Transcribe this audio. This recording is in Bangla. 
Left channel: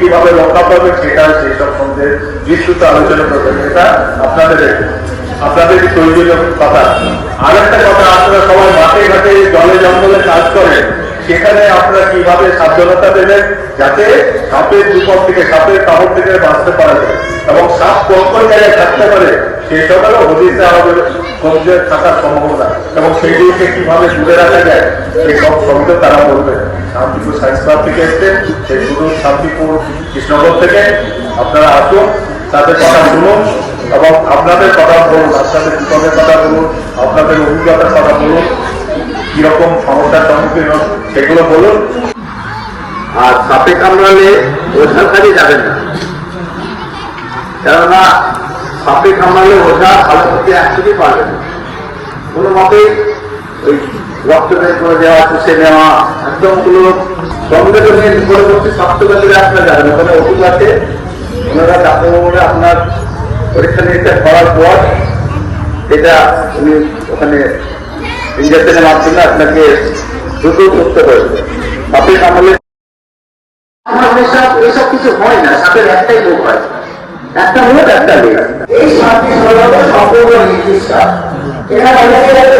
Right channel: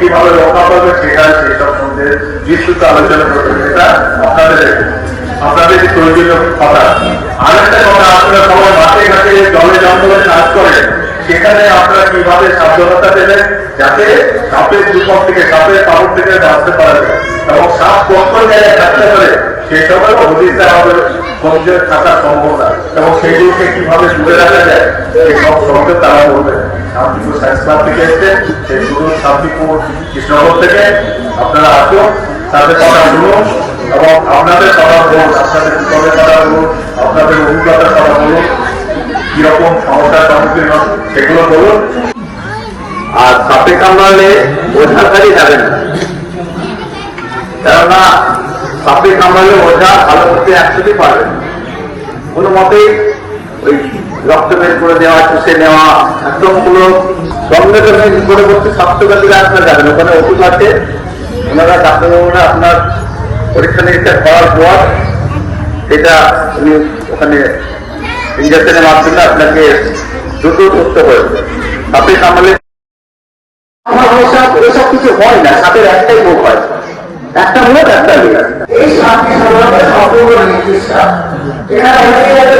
কিভাবে রক্ষা করবে সেটা সেই সম্বন্ধে বিস্তৃত আলোচনা করবেন। এটা আপনাদের প্রয়োজনীয় কথা। আর একটা কথা, আপনারা সবাই মাঠে ঘাটে জলে জঙ্গলে কাজ করেন, সেখানে আপনারা কিভাবে সাবধানতা দেবেন যাতে সাপের বিপদ থেকে, সাপের কামড় থেকে বাঁচতে পারা যায় এবং সাপ কত জায়গায় থাকতে পারে সে সময় হদিসে আমাদের সন্ধ্যের থাকার সম্ভাবনা এবং সেগুলোকে কিভাবে দূরে রাখা যায় সেসব সম্বন্ধে তারা বলবেন। শান্তিপুর সায়েন্স ক্লাব থেকে এসছে, সেই শুধু শান্তিপুর কৃষ্ণনগর থেকে আপনারা আসুন, তাদের কথা শুনুন এবং আপনাদের কথা বলুন, আপনাদের বিপদের কথা বলুন, আপনাদের অভিজ্ঞতার কথা বলুন, কিরকম সমস্যার সম্মুখীন হন সেগুলো বলুন। আর সাপে কামড়ালে ওঝার কাজে যাবেন না, কেননা সাপে কামড়ালে ওঝা ভালো করতে একসাথে পারবেন না। কোনো মতেই ওই রক্ত বের করে দেওয়া, চুষে নেওয়া, একদম পুরো সঙ্গে সঙ্গে পরবর্তী স্বাস্থ্যকেন্দ্রে আপনারা যাবেন, ওখানে ওষুধ আছে, ওনারা ডাক্তারবাবুরা আপনার পরীক্ষা নিরীক্ষা করার পর সেটা উনি ওখানে ইঞ্জেকশনের মাধ্যমে আপনাকে দ্রুত সুস্থ হয়েছে। সাপে কামড়ালে এসব কিছু হয় না, সাপের একটাই মুখ হয়, একটা মুখ একটা লেগ। এই সাপটি সম্পূর্ণ নির্দিষ্ট, এখানে অনেকে যাতে